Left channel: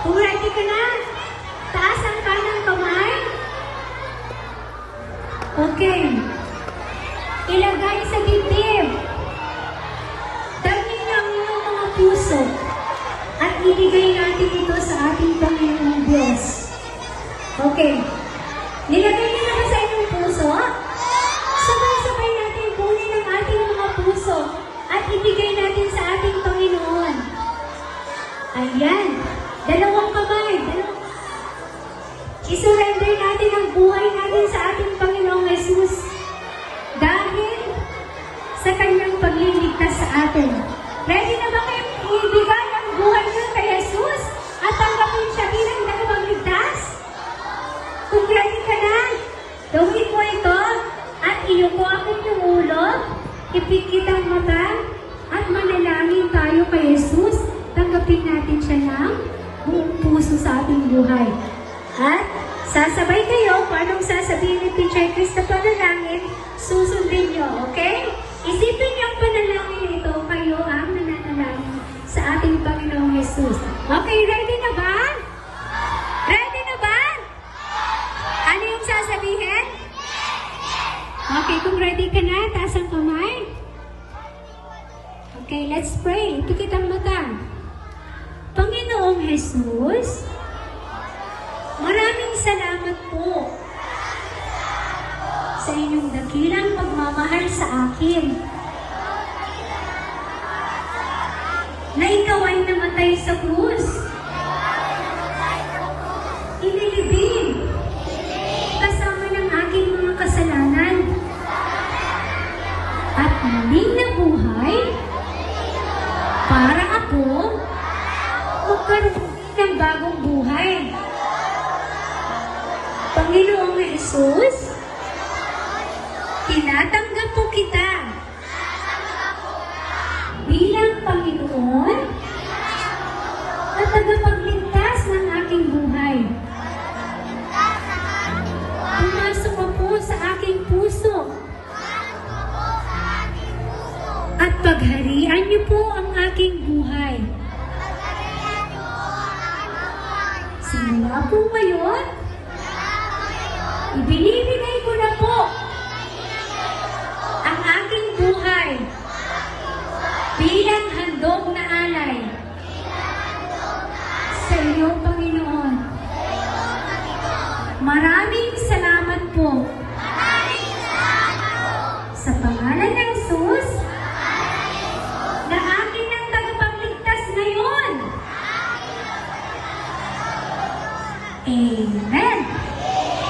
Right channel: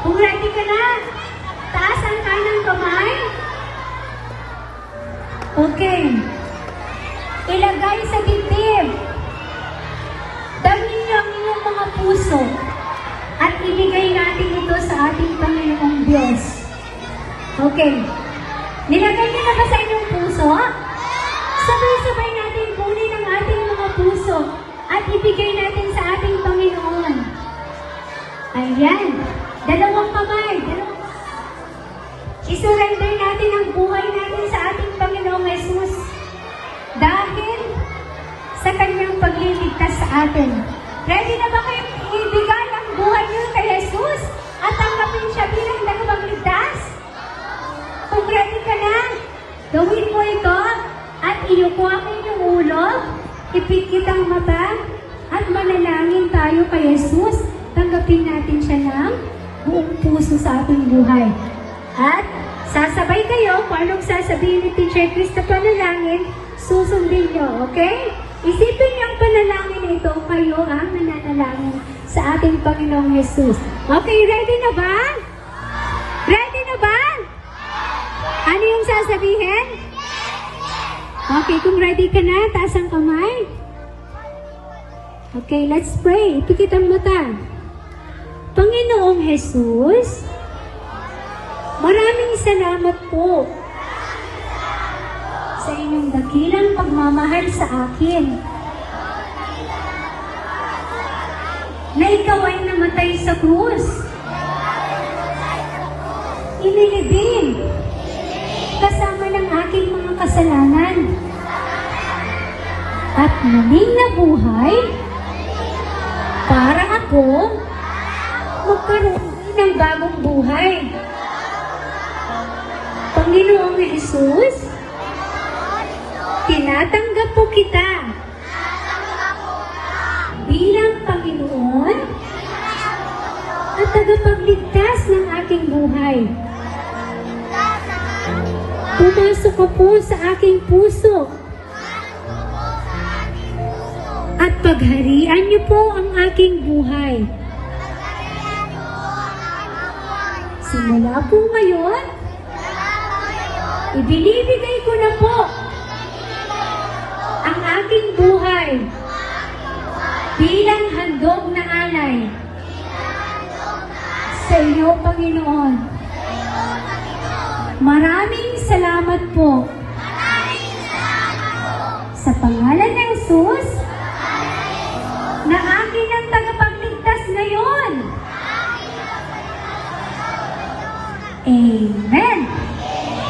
Kung ready ka na, taas ang kanyang kamay. Okay. Ilagay sa dibdib. Dalhin niyo ang inyong mga puso at ibigay natin ito sa ating Panginoong Diyos. Okay. Nilagay niyo na ba sa inyong puso? Sabay-sabay natin kunin ang ating mga puso at ibigay natin sa ating Panginoon. Ayan. Dalawang kamay. Isurrender natin ang buhay natin sa ating Panginoong Jesus. Dahil sa kanyang pagliligtas sa atin. Ready na ba kayo ibigay ang buhay niyo kay Jesus at tanggapin siya bilang tagapagligtas? Kung ready ka na, gawin mo ito at iyuko ang inyong ulo, ipikit ang mata, at manalangin tayo kay Jesus. Tanggapin natin siya ng buong puso sa ating buhay. At sasabay kayo, paano sasabihin ni Teacher Chris na panalangin, susundin nyo, okay? Isipin niyo ang panalangin ito, kayo ang nananalangin sa ating Panginoong Jesus. Okay, ready na ba? Ready na ba? Ano yung sasabihin? Okay, kung ready ka na, taas ang kamay. Okay, let's pray. Pikit ang mata. Panginoong Jesus, maraming salamat po sa inyong dakilang pagmamahal sa akin. Na ikaw ay namatay sa krus. Inilibing kasama ng aking mga kasalanan. At muling nabuhay para ako magkaroon ng bagong buhay. Panginoong Jesus, tinatanggap po kita bilang Panginoon at tagapagligtas ng aking buhay. Pumasok ka po sa aking puso at pagharian niyo po ang aking buhay. Simula po ngayon, ibinibigay ko na po ang ating buhay bilang handog na alay sa iyo, Panginoon. Maraming salamat po sa pangalan ng Jesus na akin ang tagapagligtas ngayon. Amen.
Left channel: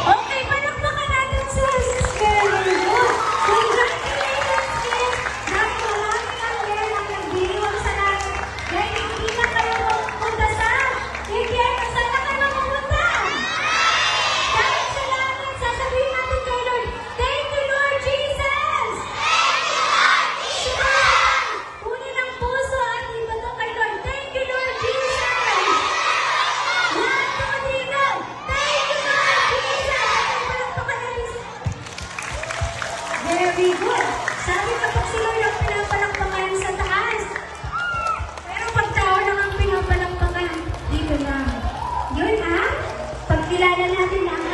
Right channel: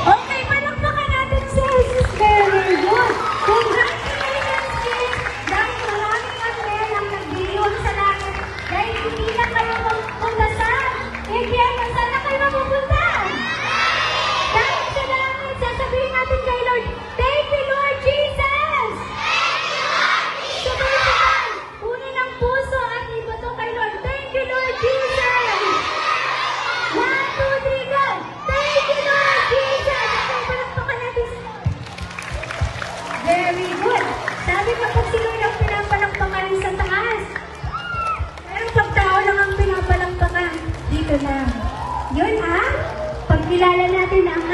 Okay, palakpakan natin sa Jesus Christ. Congratulations, kids! Dahil maraming ang pera ang nagbigay sa akin. Dahil hindi na kayo pagdasal. Impyerno, sana ka na mapunta. Dahil sa langit, sasabihin natin kay Lord, thank you, Lord Jesus! Unin ang puso at ibato kay Lord, thank you, Lord Jesus! One, two, three, go! Thank you, Lord Jesus! Palakpakan natin. Very good. Sabi kapag sila yung pinapalakpakan sa taas. Pero pag tao lang ang pinapalakpakan, dito lang. Yun ang pagkilala natin ang